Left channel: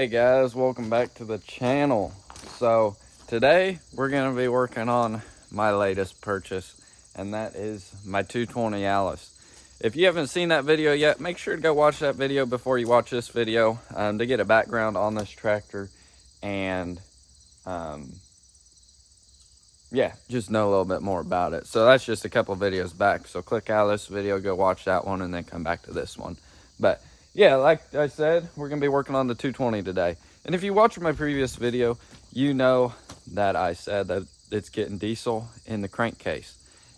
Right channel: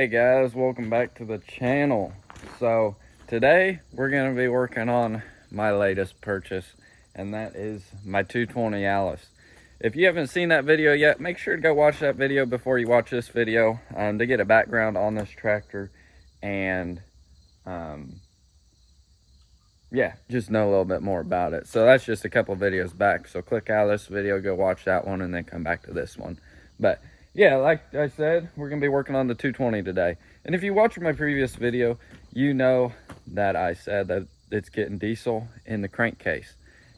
Hey guys, welcome back to the channel. So today we're going to be working on my latest purchase, and that is my 220 Allis. If you haven't seen that video yet, make sure to go watch that video before you watch this video to get a background on this tractor and yeah, just know a little bit more about it. So that's just a couple videos back, so click out of this video, go watch that one, and then come back to this one. But yeah, like I said, we're gonna be working on the 220 today. And if you watched my previous video, you know that I said that it's getting diesel in the crankcase.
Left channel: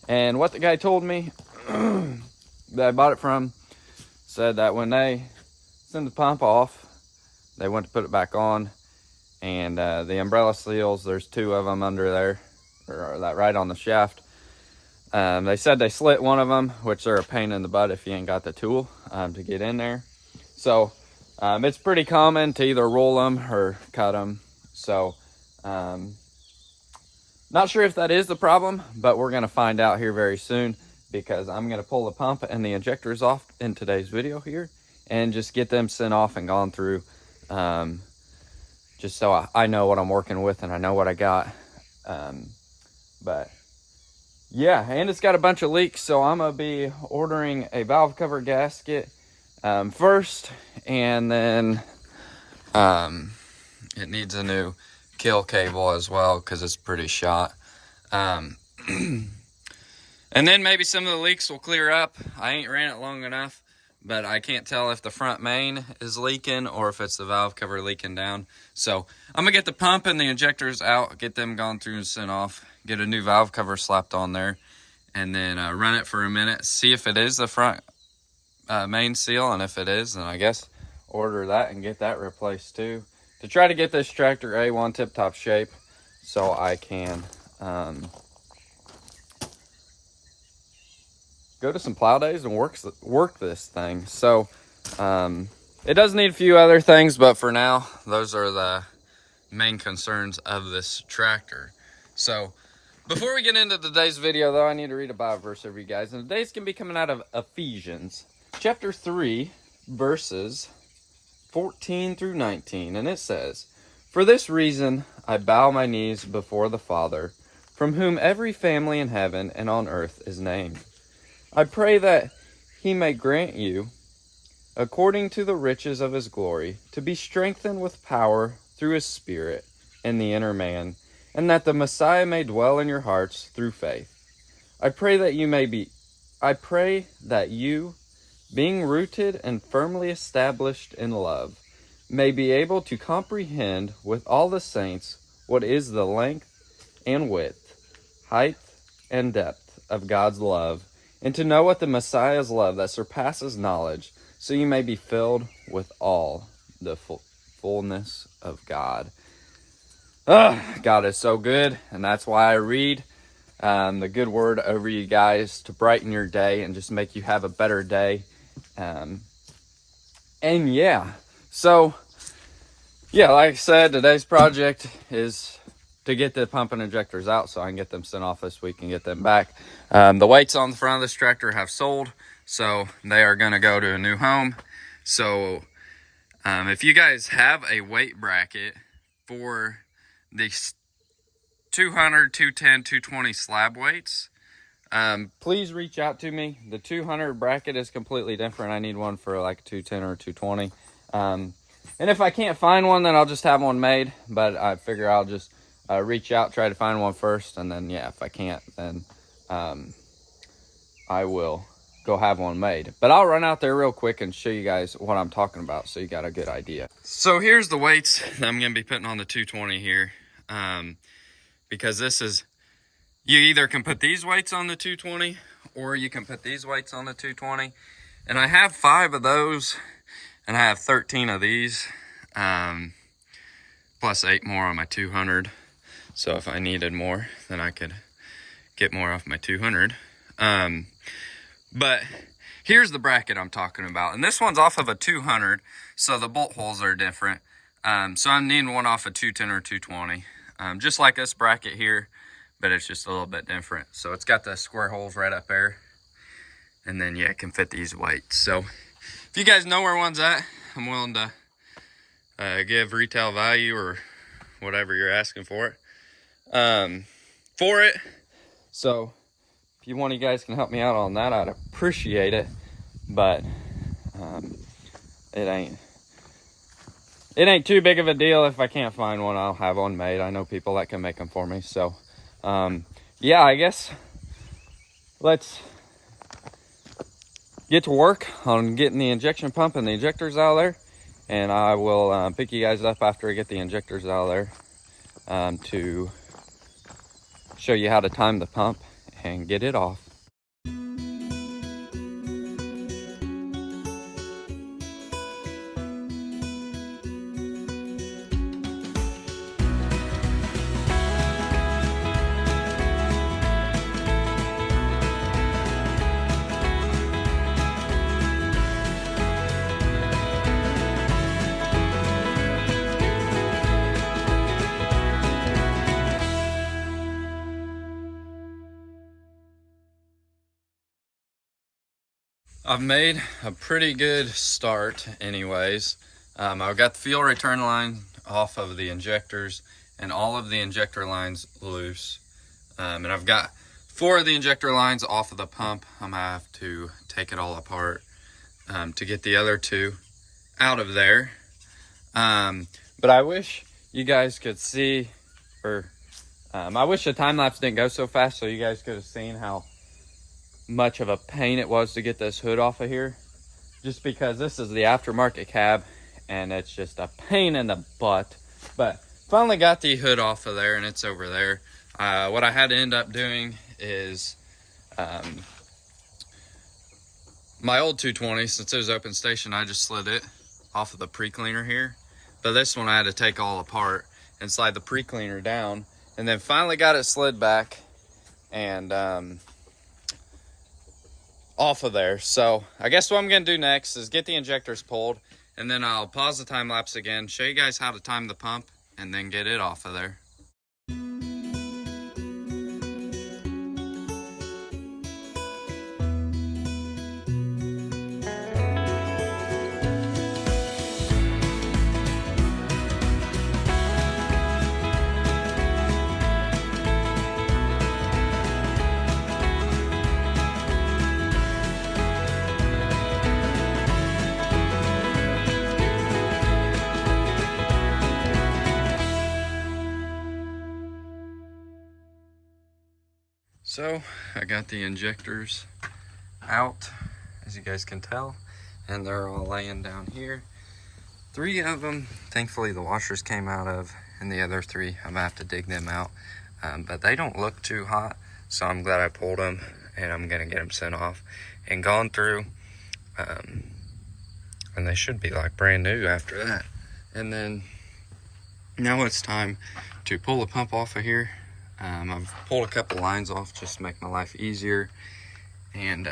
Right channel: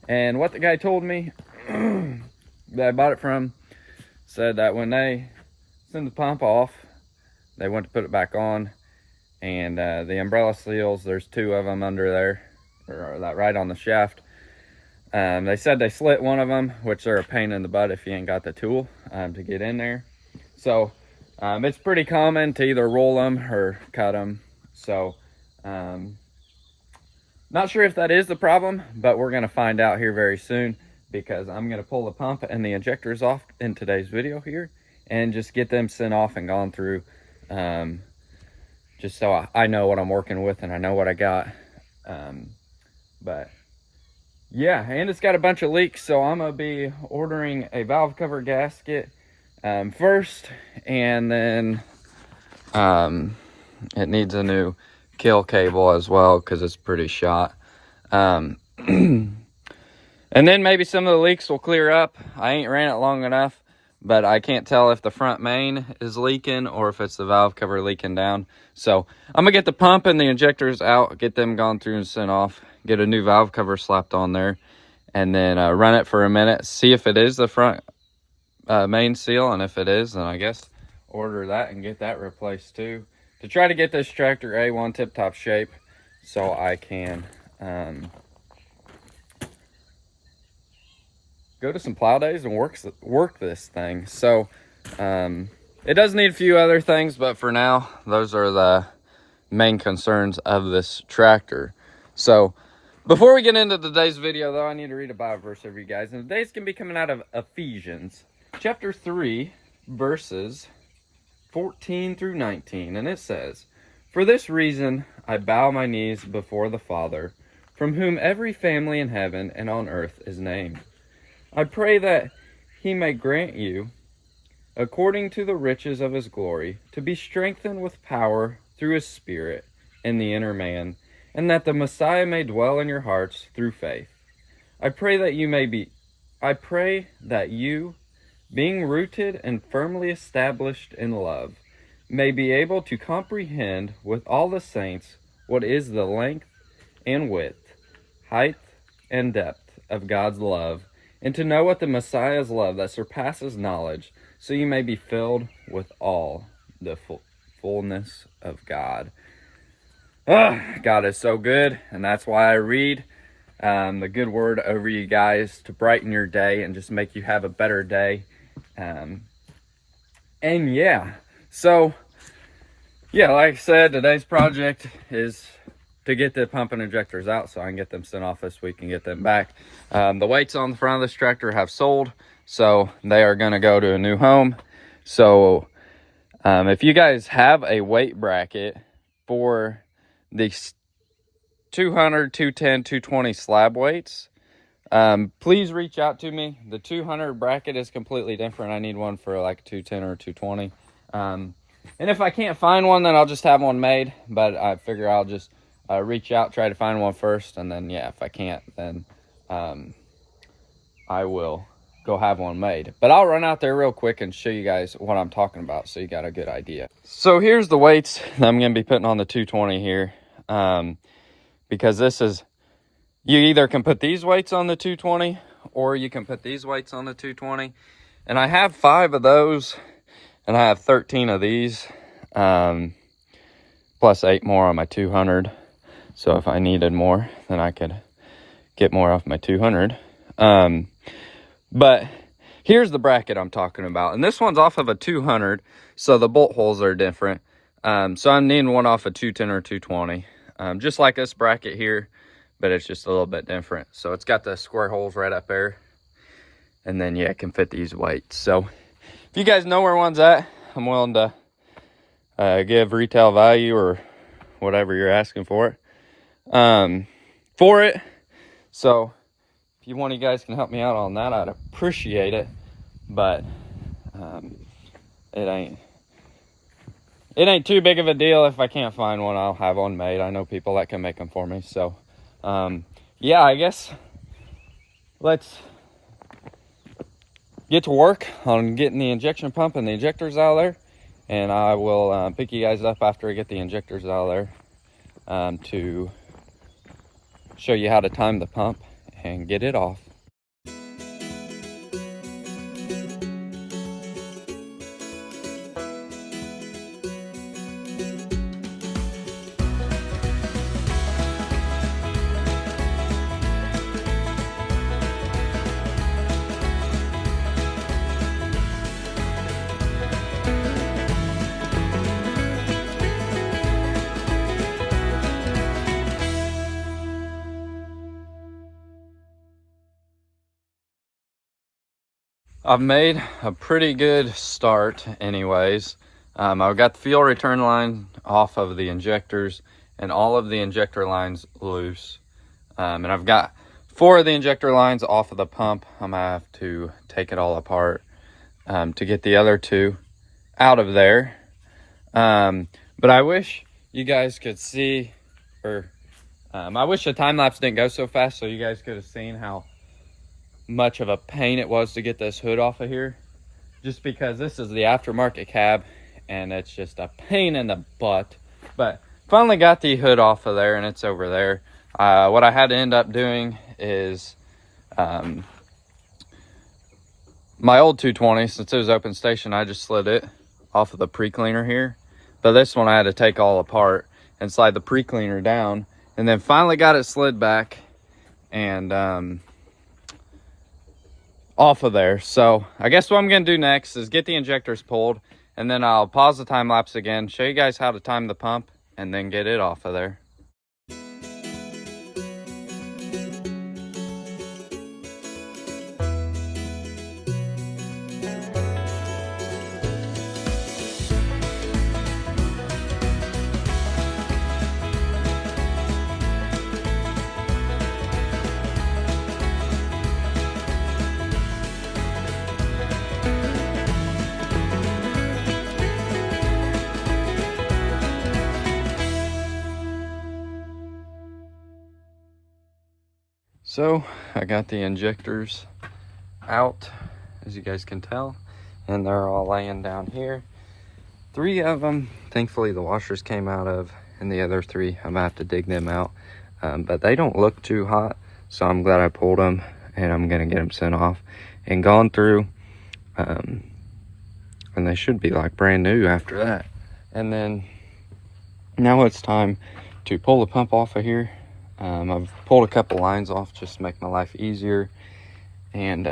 And what the guy told me that I bought it from said that when they send the pump off, they went to put it back on, and the umbrella seals, there's two of them under there, or that right on the shaft. They said they slit one of them, which they're a pain in the butt if you ain't got the tool to get in there. So it's pretty common to either roll them or cut them. So not sure if that is the problem, but we're going to find out here very soon, because I'm going to pull the pump and the injectors off in today's video here and just get them sent off and gone through, just so I know what I'm working with and I know what I got. But yeah, and it's got a bunch of leaks, so I'm gonna be ordering a valve cover gasket first, and then it needs a new kill cable as well because it's pretty shot. And then maybe some of the leaks will clear up. I ain't ran it long enough, but I can't tell if the front main is leaking or if it's the valve cover leaking down. So I'm gonna get the pump and the injectors out, get them gone through and sent off, get a new valve cover slapped on there, and then run it for a minute, see if it is the front main seal, and if it is, then I guess order that and get that replaced too, to try to get this tractor A1 tip-top shape so I can go to some plow days and work this thing. So it does need a few other things, but for now, those are the main concerns of this tractor. So before we get into today's video, though, I need to read a Bible verse for you guys. And today's going to be coming out of Ephesians chapter 3, verses 14 through 19. And it says, "For this reason I bow my knees before the Father, from whom every family in heaven and on earth is named. I pray that he may grant you, according to the riches of his glory, to be strengthened with power through his Spirit in the inner man, and that the Messiah may dwell in your hearts through faith. I pray that you, being rooted and firmly established in love, may be able to comprehend with all the saints what is the length and width, height and depth of God's love, and to know what the Messiah's love that surpasses knowledge, so you may be filled with all the fullness of God." God is so good, and that's why I read the good word over you guys to brighten your day and just make you have a better day. And yeah, so yeah, like I said, today's project is to get the pump and injectors out so I can get them sent off this week and get them back. The weights on the front of this tractor have sold, so they are going to go to a new home. So if you guys have a weight bracket for the 200, 210, 220 slab weights, please reach out to me. The 200 bracket is completely different. I need one for like 210 or 220. And if I can't find one, then I'll just have one made. But I figure I'll just reach out, try to find one first, and then yeah, if I can't, then I will go have one made. But I'll run out there real quick and show you guys what I'm talking about, so you got a good idea. So here's the weights I'm going to be putting on the 220 here, because this is, you either can put these weights on the 220 or you can put these weights on the 220. And I have 5 of those, and I have 13 of these, plus 8 more on my 200. So if I needed more, then I could get more off my 200. But here's the bracket I'm talking about. And this one's off of a 200, so the bolt holes are different. So I'm needing one off a 210 or 220. Just like this bracket here, but it's just a little bit different. So it's got the square holes right up there. And then, yeah, it can fit these weights. So if you guys know where one's at, I'm willing to give retail value or whatever you're asking for it. So if one of you guys can help me out on that, I'd appreciate it. But it ain't too big of a deal. If I can't find one, I'll have one made. I know people that can make them for me. So yeah, I guess let's get to work on getting the injection pump and the injectors out of there, and I will pick you guys up after I get the injectors out of there to show you how to time the pump and get it off. I've made a pretty good start anyways. I've got the fuel return line off of the injectors and all of the injector lines loose. And I've got 4 of the injector lines off of the pump. I'm gonna have to take it all apart to get the other 2 out of there. But I wish you guys could see, or I wish the time lapse didn't go so fast so you guys could have seen how much of a pain it was to get this hood off of here, just because this is the aftermarket cab and it's just a pain in the butt. But finally got the hood off of there and it's over there. What I had to end up doing is my old 220, since it was open station, I just slid it off of the pre-cleaner here. But this one I had to take all apart and slide the pre-cleaner down, and then finally got it slid back and off of there. So I guess what I'm gonna do next is get the injectors pulled, and then I'll pause the time lapse again, show you guys how to time the pump, and then get it off of there. So I got the injectors out, as you guys can tell, and they're all laying down here. 3 of them, thankfully the washers came out of, and the other 3, I'm gonna have to dig them out. But they don't look too hot, so I'm glad I pulled them, and I'm gonna get them sent off and gone through. And they should be like brand new after that. And then now it's time to pull the pump off of here. I've pulled a couple lines off just to make my life easier. And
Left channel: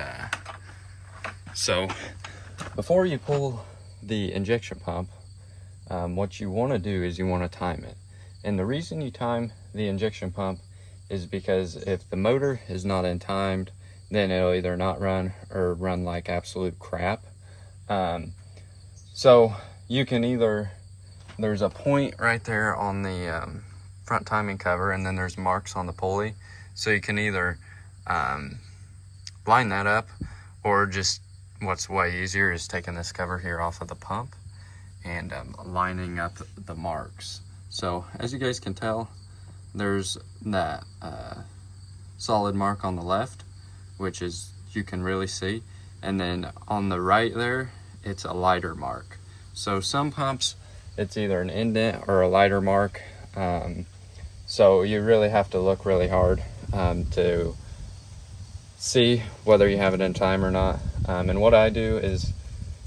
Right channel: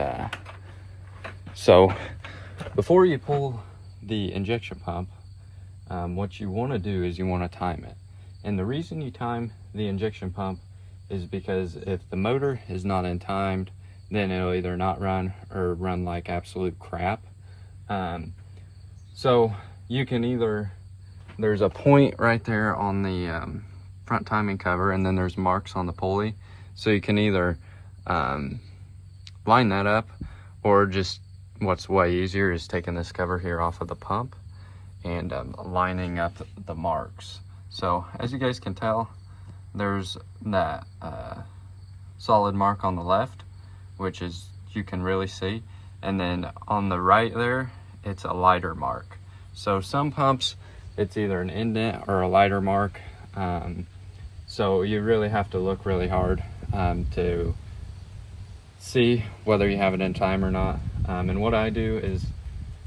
so before you pull the injection pump, what you want to do is you want to time it. And the reason you time the injection pump is because if the motor is not in timed, then it'll either not run or run like absolute crap. So you can either, there's a point right there on the front timing cover, and then there's marks on the pulley, so you can either line that up, or just what's way easier is taking this cover here off of the pump and lining up the marks. So as you guys can tell, there's that solid mark on the left, which is, you can really see, and then on the right there it's a lighter mark. So some pumps it's either an indent or a lighter mark. So you really have to look really hard to see whether you have it in time or not. And what I do is,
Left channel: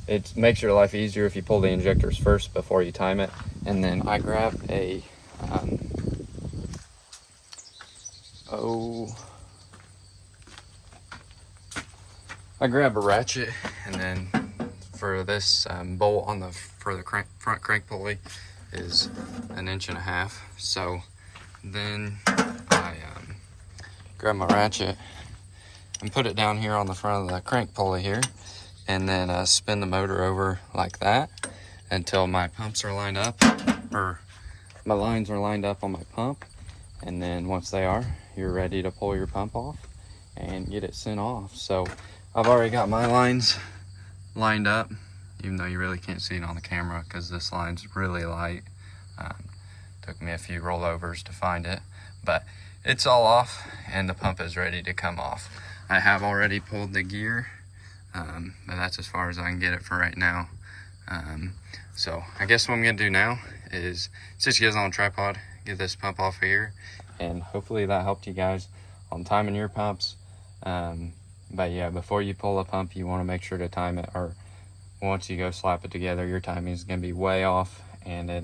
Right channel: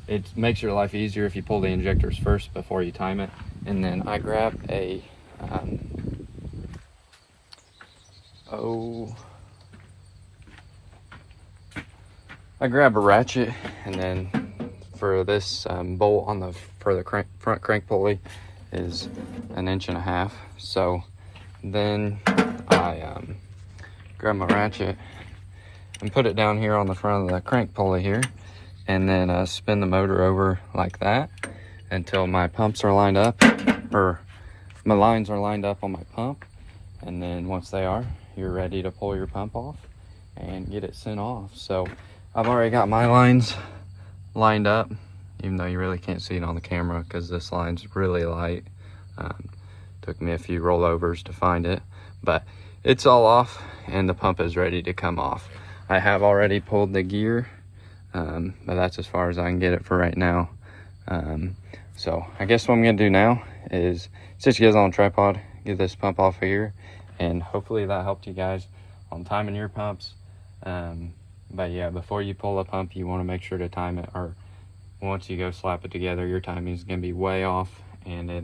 it makes your life easier if you pull the injectors first before you time it. And then I grab a, I grab a ratchet, and then for this bolt on the front crank pulley is 1.5 inches. So then I grab my ratchet and put it down here on the front of the crank pulley here, and then spin the motor over like that, until my pumps are lined up, or my lines are lined up on my pump. And then once they are, you're ready to pull your pump off and get it sent off. So I've already got my lines lined up, even though you really can't see it on the camera because this line's really light. Took me a few rollovers to find it, but it's all off and the pump is ready to come off. I have already pulled the gear, but that's as far as I can get it for right now. So I guess what I'm gonna do now is sit you guys on a tripod, get this pump off of here, and hopefully that helped you guys on timing your pumps. But yeah, before you pull a pump, you want to make sure to time it, or once you go slap it together, your timing is gonna be way off and it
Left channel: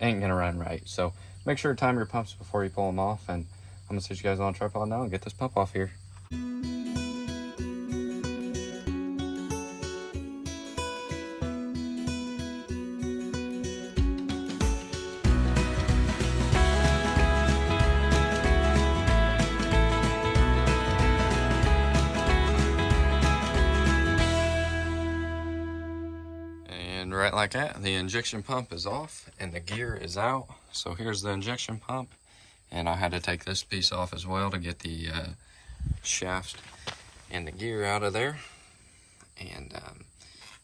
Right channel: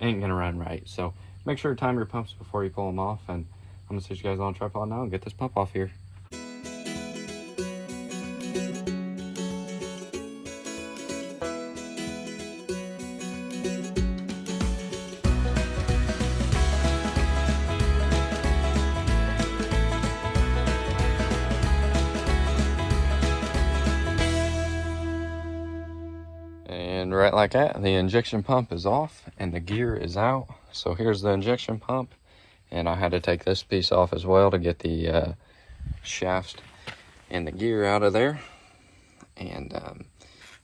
ain't gonna run right. So make sure to time your pumps before you pull them off, and I'm gonna sit you guys on a tripod now and get this pump off here. And right like that, the injection pump is off and the gear is out. So here's the injection pump, and I had to take this piece off as well to get the shaft and the gear out of there. And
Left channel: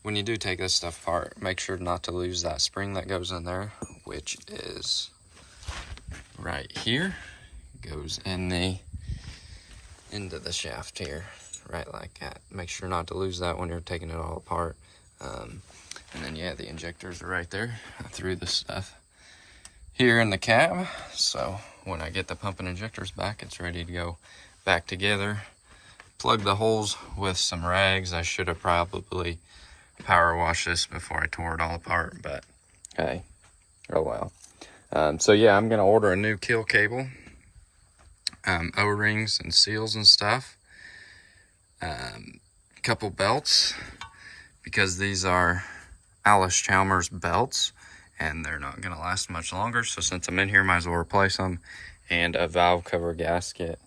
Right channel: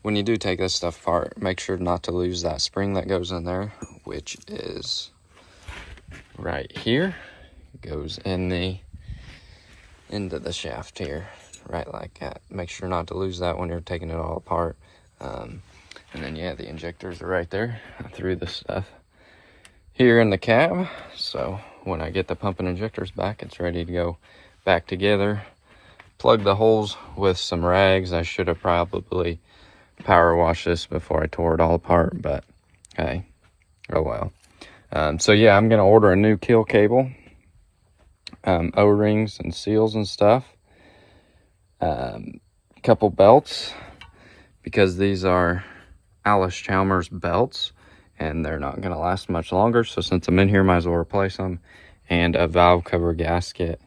when you do take this stuff apart, make sure not to lose that spring that goes in there, which is right here. It goes in into the shaft here, right like that. Make sure not to lose that when you're taking it all apart. And then yeah, the injectors are right there. I threw this stuff here in the cab, so when I get the pump and injectors back, it's ready to go back together. Plug the holes with some rags. I should have probably power washed this before I tore it all apart, but hey, oh well. So yeah, I'm gonna order a new keel cable, O-rings and seals and stuff, couple belts, because these are Allis Chalmers belts and they're not going to last much longer. So since I'm in here, might as well replace them. And a valve cover gasket.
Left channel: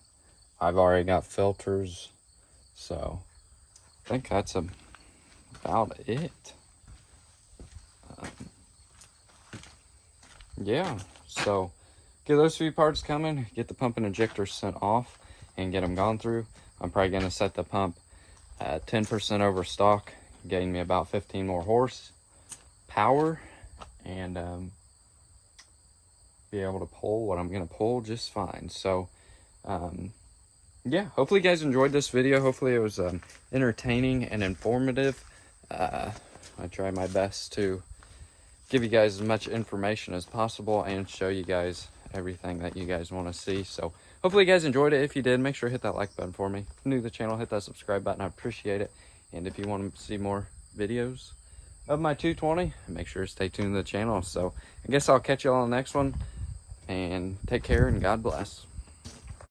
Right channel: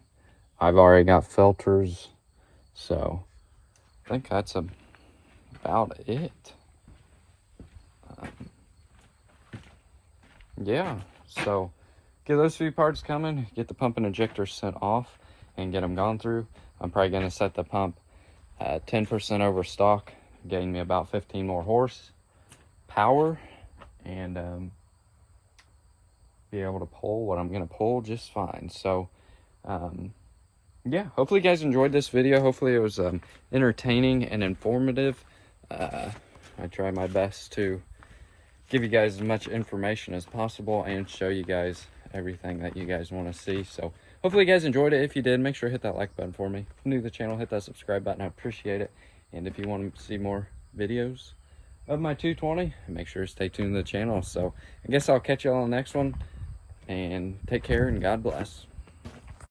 I've already got filters. So I think that's about it. Yeah, so get those few parts coming, get the pump and injector sent off and get them gone through. I'm probably going to set the pump at 10% over stock, getting me about 15 more horse power, and be able to pull what I'm going to pull just fine. So yeah, hopefully you guys enjoyed this video. Hopefully it was entertaining and informative. I try my best to give you guys as much information as possible and show you guys everything that you guys want to see. So hopefully you guys enjoyed it. If you did, make sure to hit that like button for me. If you're new to the channel, hit that subscribe button. I appreciate it. And if you want to see more videos of my 220, make sure to stay tuned to the channel. So I guess I'll catch you all on the next one, and take care and God bless.